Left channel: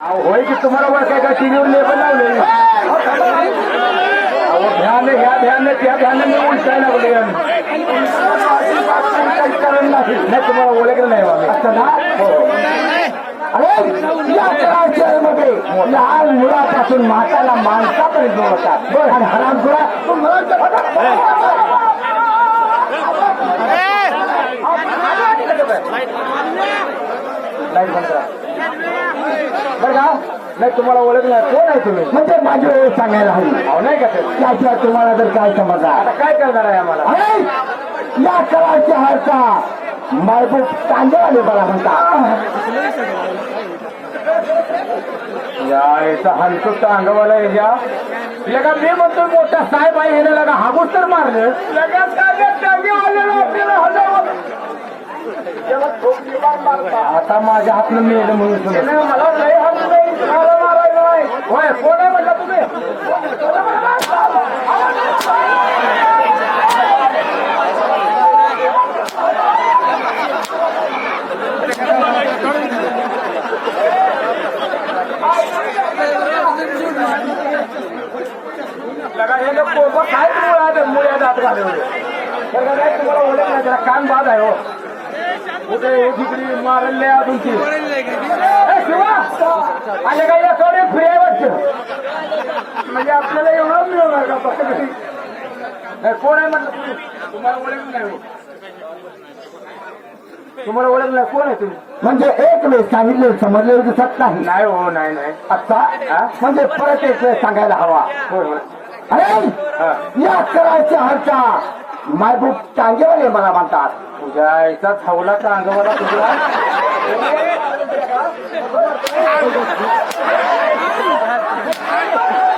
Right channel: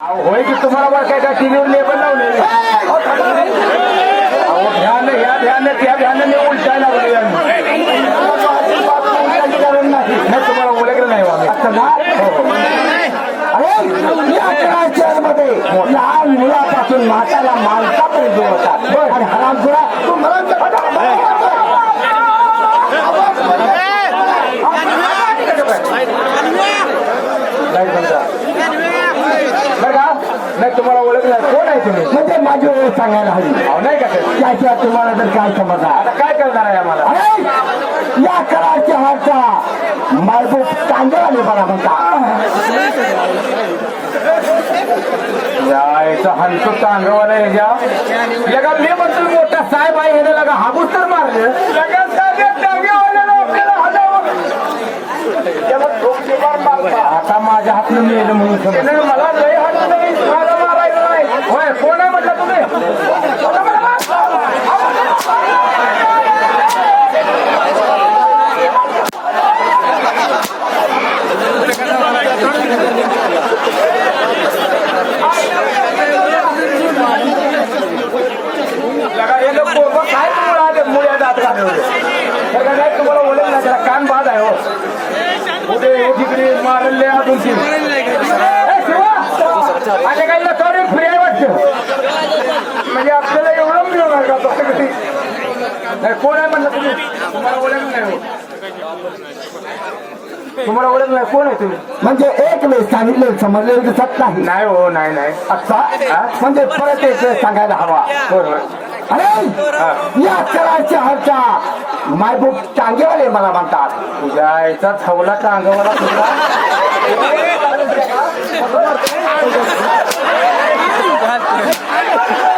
होय की तुम्हाला वर काय काय टीव्हीवर लेबल लावले ध्यान ह्या ध्यान त्या ध्यान मी उलटायला लागलो यांनी. नाही तुम्हाला ओळखलं नाही बाबा. लहान मुलापासून माताला माणसापर्यंत होता आणि हरामखोरा बघा नाही तुम्हाला ओळखलं नाही. कोण आहे तुम्ही म्हणजे माझी वेळ सांगायला हवी अहो, नाही का? त्याच्या तुम्हाला तर काय समजा आता काय करणार आहे आम्हाला अरे या कराच्या हारचा मायबूक कांदेवाले मला म्हणतात यायचा हंसू चांगवाला याच्या लगा मी म्हणतो मोठा साहेब आहे हे लगा हाबूस तर मारले लगा लोकांना हलव. आता माझ्या हातनं मेलं म्हणून समज. मला लय हात नाही, मला मारायचं नाही. होय, कोण आहे म्हटलं तुम्ही लगा हे लोक पोरगं काय मुळा मुळ्या जात घालवले. लगा नाही तुम्हाला ओळखलं नाही, त्याला कान बाद आहे हो कुठे मारले अजून शिवा आले काही फ्री वाटतं. म्हणजे आपल्याला एवढं मिळवणार का? नाही कोण आहे म्हणलं तुम्ही? तुम्हाला ओळखलं नाही हो. तुम्हाला ओळखलं नाही कोण आहे तुम्ही? म्हणजे एक वेळ सांगितलं समजलेलं दिसत नाही नाही हो नाही नाही. अच्छा? म्हणजे परत एक वेळ सांगायला हवा. बरोबर अरे या कराच्या हारचा मायबूक टांगेवाले मला म्हणतात. तुझ्या आईचा थवला टांगवला तुला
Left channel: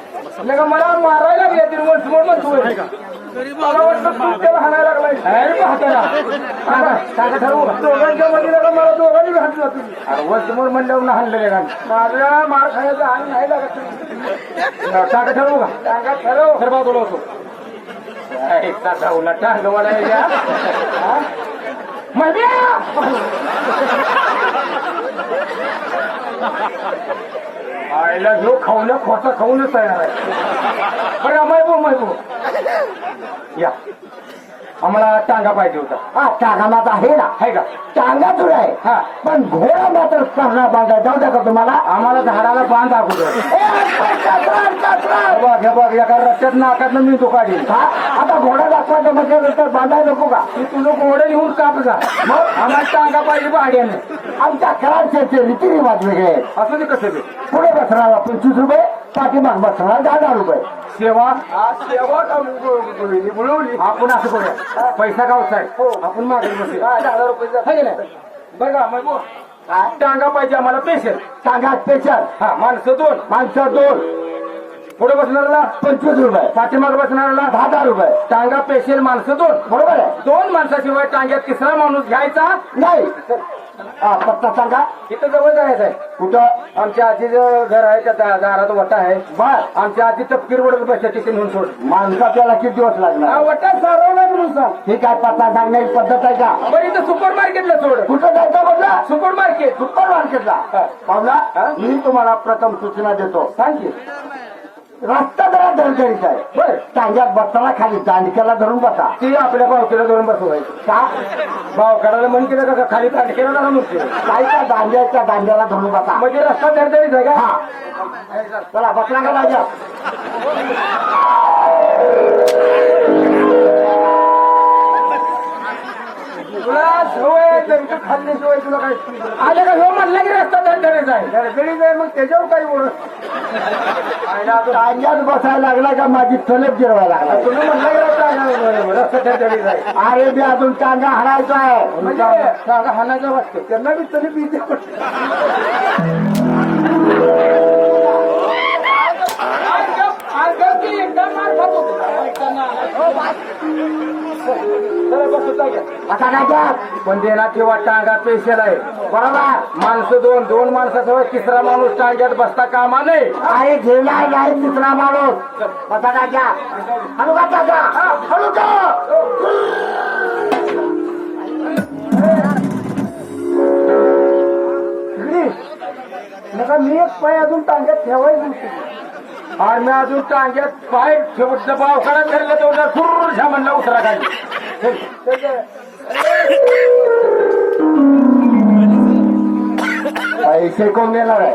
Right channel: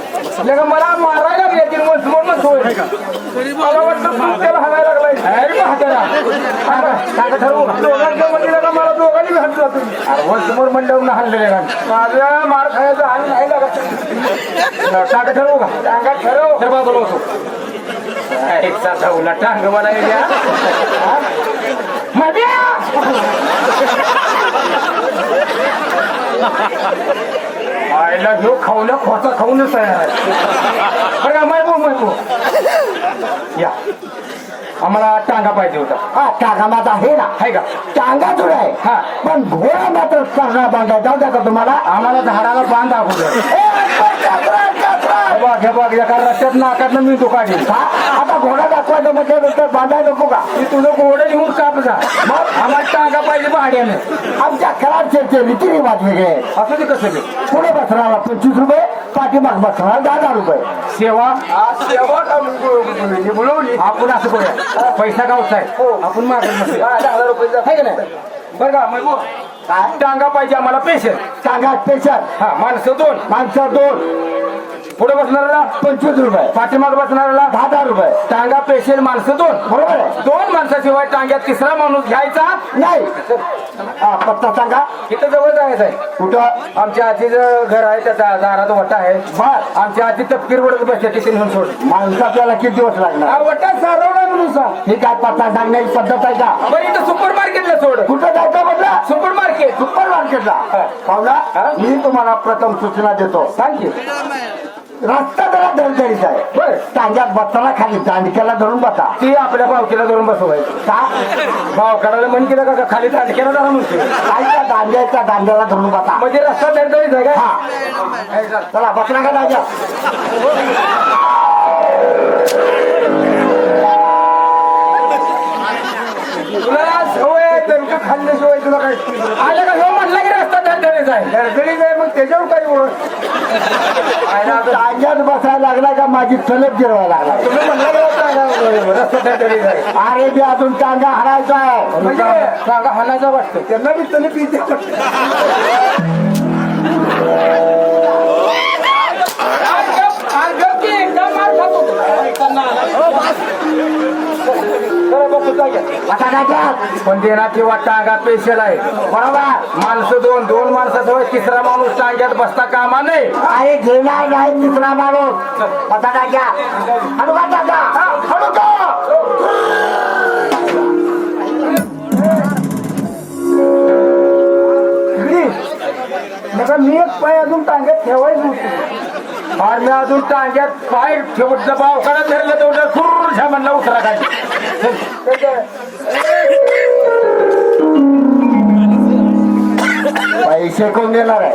मला मारायला म्हणतो मला दोघांनी घातलं तुम्ही म्हणल्यावर हल्ले माझा मार खायचा हाल नाही लागत. ठरवू का? टाका ठरव. तर बाजूला होतो एक साधा उलट टांग मला आईला घेऊ खाऊन खाऊनच आहे. का मैबू मैबू या. आम्हाला टांगा पाहिजे होता. हा टांगा माझा आहे ना. आहे का? टांगा तुला आहे. हा. पण घोडा मात्र करणार बांधा जाऊ द्या का तुम्हाला. आम्हाला झाडाला बांध अगोदर हे बघ, बघ एका रस्त्यात नाकातनं मी तो हा? आता घोडा बांधायला नको का? ती तुला घोडे निघून काप जा आम्हाला टांगा पाहिजे भाड्याने आमच्या कराडचे रीतिरिवाज वेगळे. असू दे कसं. पुढे बसणारा पंचवीस रुपये पाठीमाग बसणारा दहा हजार रुपये. सेवा बोलवली आपण असं करूया. पैसा गावचा आहे. आपण मागत नाही? बरं का मैबू टांगा पाहिजे आम्हाला पेशल टांगा स्पेशल हा माणसं दोन. माणसं दोन. पुढे बसणाऱ्याला पंचवीस रुपये पाठीमाग बसणाऱ्याला दहा दहा रुपये. टांगा पेशल माणसं दोन बरोबर आहे? दोन माणसाशिवाय टांग्यात तिसरा माणूस घ्यायचा नाही. हा पत्ता सांगा. इथं जवळ जायचं आहे कुठं? आमच्या आजीचं घर आहे त्याचा दारात वटा आहे. बर आमच्या आजी तपकीर वडत बसल्या तिथे म्हणून सोड माणसं आपल्याला किती दिवस लागणार? हा वटा सारवला म्हणून सांग. ही काय पत्ता सांगण्याची पद्धत आहे का? बरं इथं सुपर मार्केटला सोड. कुठं जायचं म्हटलं सुपर मार्केट. सुपर मार्केटला. पाहुणा मी तुम्हाला प्रथम सूचना देतो. सांग की. रस्ता जरा दणदणीत आहे बर टांग्यात बसताना खाली दांडक्याला धरून बसा ती आपल्या भावकीला धरून बसवायचं का भाव म्हण केलं का खाली तांडक्याला धरून ना काय त्या दांड्याच्या दांड्याला धरून बसा म्हणजे रस्ता दरदरीत आहे का हा चला बसला का दांड्या तुला सवय आहे, नेमकं खाल्ल्याशिवाय तुला काय आले का ह्यो म्हणलं की रस्ता दरदरीत आहे दरदरीत आहे मग त्याच्यावर काही बोल बसायला लागला का माझी तलप गिरवायला लागला? अरे बी अजून टांगा हाणायचा आहे. म्हणजे काका हाणायचा वाटतं. त्यांना मी तरी आता काय कर? पण देणार किंवा टांगा पेशल आहे बरोबर माणसं दोन दोन माणसाचं होय, तिसरा माणूस टांग्यात बसता कामा नाही अरे घेणार नाही तिसरा माणूस पता टाक्या हळू का टाका हळू मी एक पाय अजून टांग्यात ठेवायचं नव्हतं आणि मी अजून टांग्यात पाय ठेवत बाव धरला तेवढा खुर्च्या म्हणला उतरा काय पैसे कोण देणार आहे?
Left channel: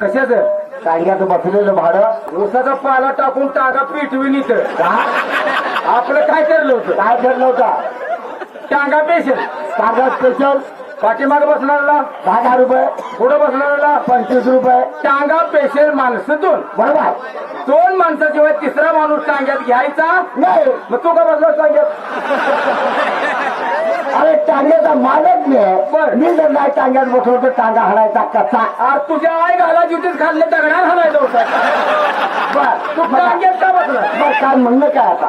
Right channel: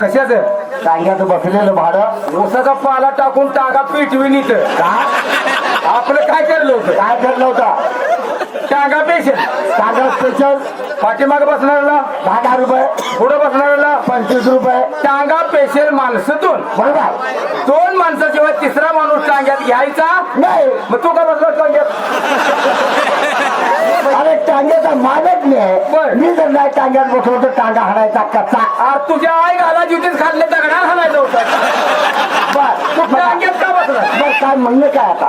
कशाच? टांग्यात बसलेलं भाडं. ऊसाचा पाला टाकून टांगा पिटवी इथं. आपलं काय करलं होतं? काय ठरलं होतं? टांगा पेशल टांगा स्पेशल पाठीमाग बसणाऱ्याला दहा दहा रुपये पुढे बसणाऱ्याला पंचवीस रुपये. टांगा पेशल माणसं दोन बरोबर. दोन माणसाशिवाय तिसरा माणूस टांग्यात घ्यायचा? नाही. मग तू का बसला टांग्यात अरे टांग्याचा मालक मी जर नाही टांग्यात बसलो तर टांगा हलायचा कसा? अरे तुझ्या आई घाला जुतीत खाल्ले दगडा घालायचं होतं. तू टांग्यात का बसला? बरं, काय म्हणणं काय आता?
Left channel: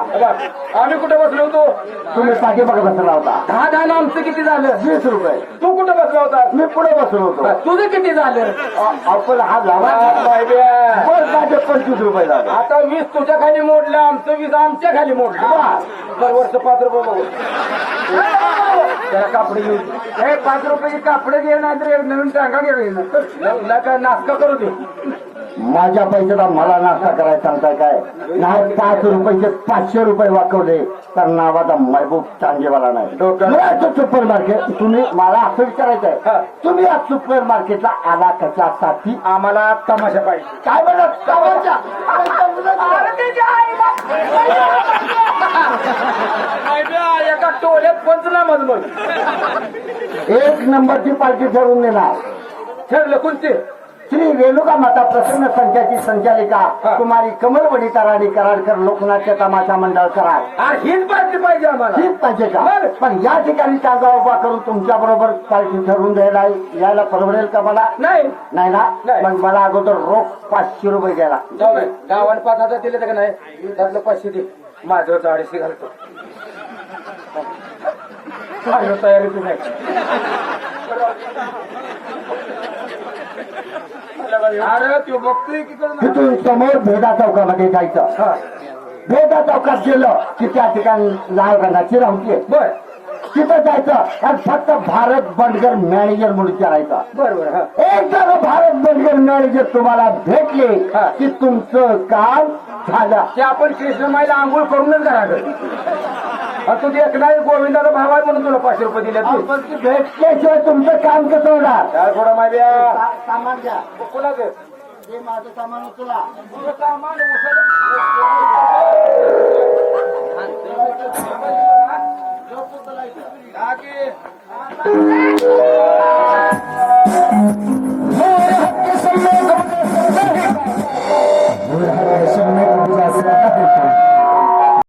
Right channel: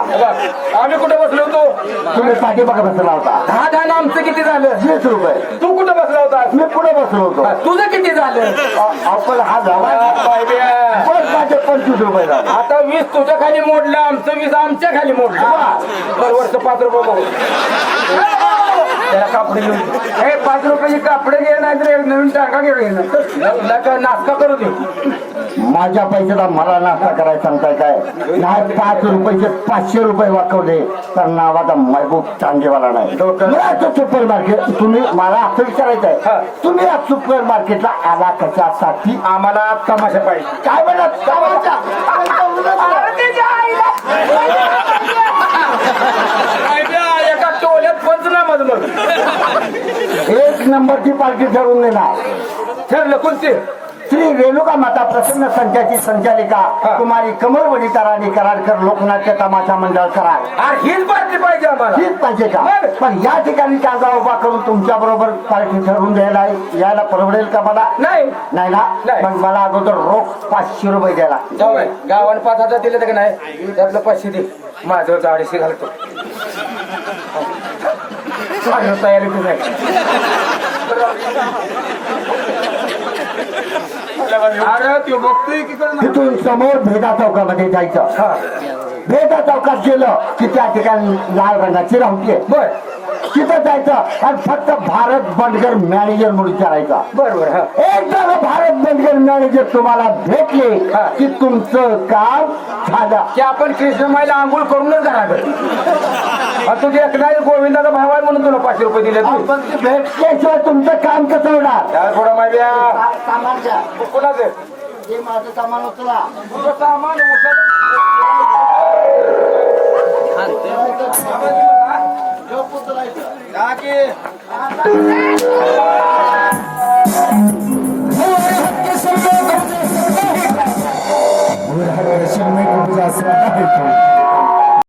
आम्ही कुठे बसलो होतो? तुम्ही पाठीमागे बसला होता. दहा दहा आमचं किती झालं? वीस रुपये. तू कुठे बसला होता मी होतो. तुझं किती झालं? आ- आपण हा झाला. बायब्या. बरं माझे पंचवीस रुपये झाले आता वीस तुझ्या खाली मोडलं आमचं वीस आमच्या खाली मोडलं. दरवर्ष पाच रुपये बघू त्याला कापडे घेऊन हे पाच रुपयाची कापडे घे नाही तर एक नवीन टाका घे नाश्ता करू देऊ. माझ्या पैशाला मला नाश्ता करायला सांगताय काय नाही पाच रुपयाचे पाचशे रुपये वाकवले तर नावाचा महबूब चांगेवाला नाही. असं सुपर मार्केट तुम्ही मला असं विचारायचं हा. आहे तुम्ही या सुपर मार्केटला आला कशासाठी? आम्हाला तमाशा पाहिजे. काय म्हणत तमाशा? बायब्या, एका नंबरची पार्टी ठरवून देणार. ठरलं कोणते? श्री रेणुका माता प्रसन्न संचाची संचालिका. कुमारी कमलवडी कराडी कराडकर लोकनाट्य तमाशा मंडळ कराड. हीच पार्टी पाहिजे आम्हाला. हेच पाहिजे का. पण या ठिकाणी कायदा उभा करून तुमच्या बरोबर पार्टी ठरवून द्यायला यायला परवडेल का मला? नाही. नाही ना. मग मला अगोदर रोख पाचशे रुपये द्यायला. जाऊ बाई, गावाला पाच हजार दिले तर का नाही? त्यातलं पाचशे दे. माझं चाळीसशे घालतो. माझ्या तयारी तुझ्या अरे तू बघतोय की करून तिथून समोर भेदा चौकामध्ये जायचं भेदा चौकात गेलं की त्या ठिकाणी लाल रंगाची राहते बर तिथं जायचं आणि फक्त भारत बंडगर मॅनेजर म्हणून विचारायचा बर बर हा एकदा भारत बंडगर मॅनेजर तुम्हाला भेटले. की तुमचं काम झालं की आपण कृष्णमाईला आंघोळ करूनच घराकडे तुझे एकदा गोविंदाचा भाव आहे म्हणून तुला पाचशे रुपये दिले तू. पण ते भेटल्याशिवाय तुमचं काम कसं होणार? त्याला थोडा माव्या. सामान द्या कोणाचं? हे माझं सामान उचला. तुझं सामान उचल. गप उचलायचं. टाकी.